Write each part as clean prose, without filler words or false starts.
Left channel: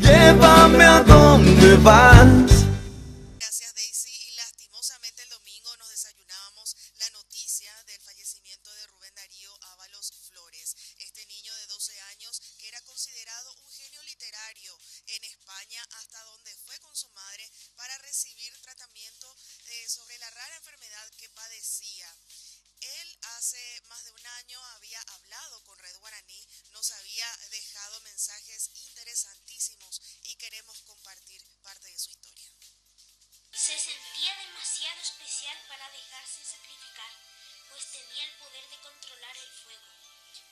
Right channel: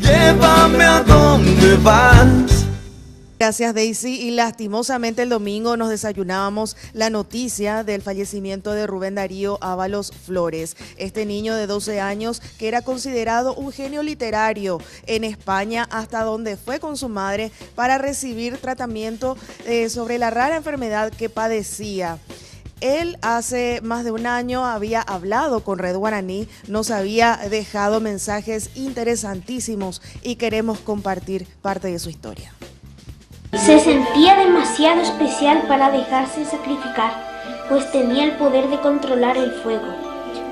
Llévame a donde vas. Gracias, Daisy. Y lastimosamente el domingo nos desayunábamos la noticia del fallecimiento de Rubén Darío Ábalos Flores, este niño de 12 años que era considerado un genio literario en España, hasta donde fue con su madre para recibir tratamiento sobre la rara enfermedad que padecía. Él hace más de un año había hablado con Red Guaraní, nos había dejado mensajes interesantísimos y queremos compartir parte de su historia. Se sentía demasiado especial para dejarse sacrificar, pues tenía el poder de controlar el fuego.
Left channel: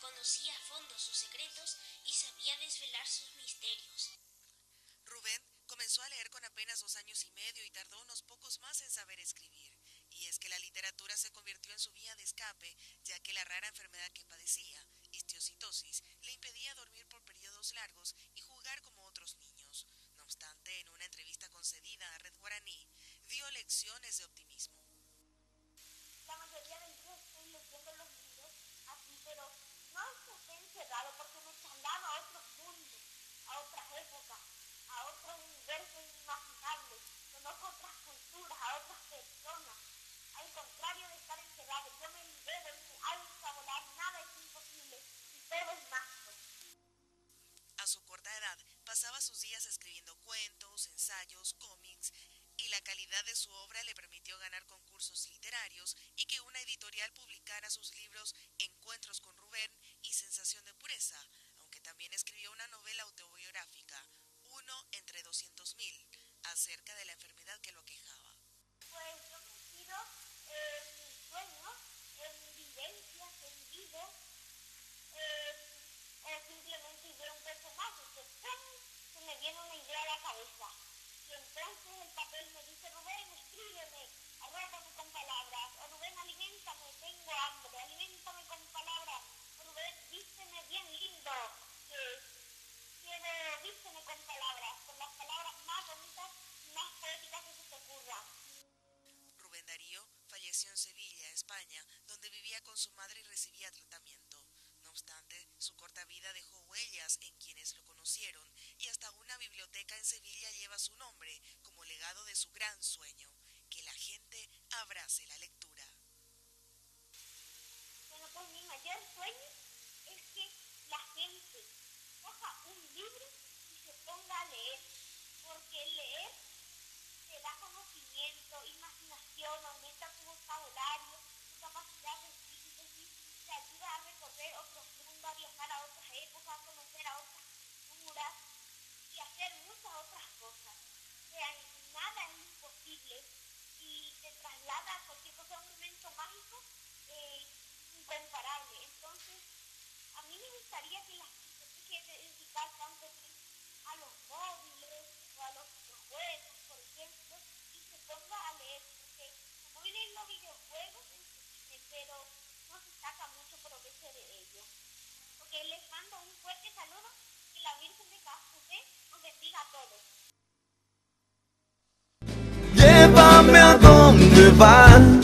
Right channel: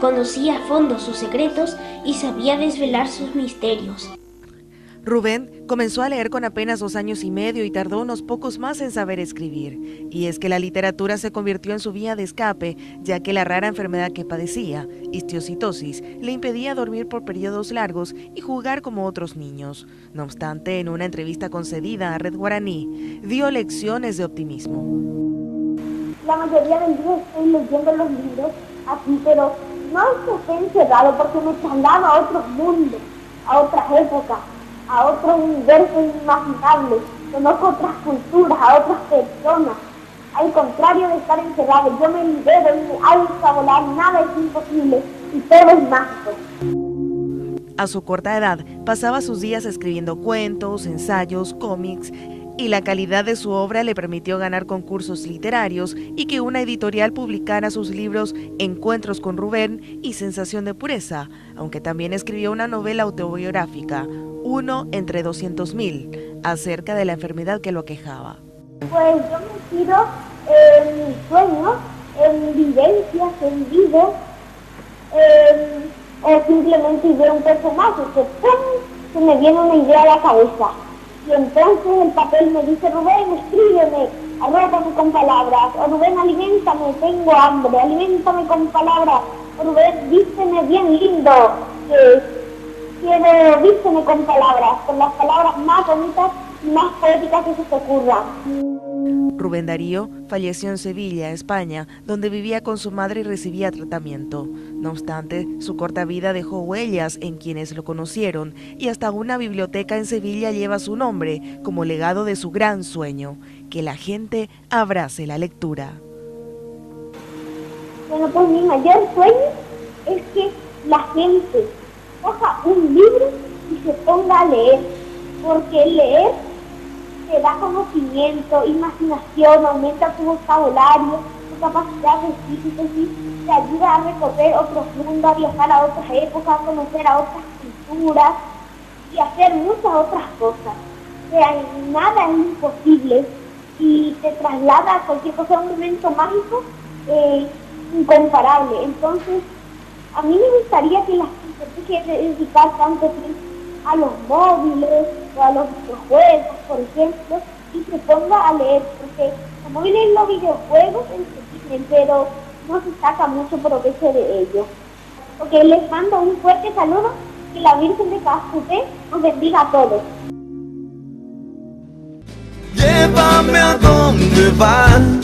Conocía a fondo sus secretos y sabía desvelar sus misterios. Rubén comenzó a leer con apenas 2 años y medio y tardó unos pocos más en saber escribir. Y es que la literatura se convirtió en su vía de escape, ya que la rara enfermedad que padecía, histiocytosis, le impedía dormir por periodos largos y jugar como otros niños. No obstante, en una entrevista concedida a Red Guaraní, dio lecciones de optimismo. La mayoría del día estoy leyendo los libros aquí, pero no es que esté encerrado porque me traslado a otros mundos, a otras épocas, a otro universo inimaginable, conozco otras culturas, a otras personas. Al contrario de estar encerrado, yo me libero y me alzo a volar, nada es imposible y todo es mágico. A su corta edad, pasaba sus días escribiendo cuentos, ensayos, cómics, y la calidad de su obra le permitió ganar concursos literarios y que una editorial publicara sus libros Encuentros con Rubén y Sensación de Pureza, aunque también escribió una novela autobiográfica, Uno entre 200.000, acerca de la enfermedad que lo aquejaba. Pues yo me tiro en mis sueños, en vivencias, en vivo, o simplemente veo un personaje que ¡pum!, se me viene una idea a la cabeza. Y entonces el papel me dice, Rubén, escríbeme, arrópame con palabras, o Rubén, aliméntame, tengo hambre, aliméntame con palabras, o Rubén, vísteme bien lindo, quiero, vísteme con las palabras más bonitas y más poéticas que se te ocurran. Rubén Darío falleció en Sevilla, España, donde vivía con su madre y recibía tratamiento. No obstante, su corta vida dejó huellas en quienes lo conocieron y hasta una biblioteca en Sevilla lleva su nombre como legado de su gran sueño, que la gente abrace la lectura. Bueno, pues mi mayor sueño es que la gente coja un libro y se ponga a leer, porque leer te da conocimiento, imaginación, aumenta tu vocabulario, tu capacidad de síntesis, te ayuda a recorrer otros mundos, a viajar a otras épocas, a conocer a otras culturas y hacer muchas otras cosas. O sea, nada es imposible y te traslada a cualquier cosa, a un momento mágico incomparable. Entonces, a mí me gustaría que la gente deje de dedicar tanto tiempo a los móviles o a los videojuegos, por ejemplo, y se ponga a leer, porque los móviles y los videojuegos entretienen, pero no se saca mucho provecho de ellos. Porque les mando un fuerte saludo, que la Virgen de Cascupé nos bendiga a todos. Llévame a donde vas.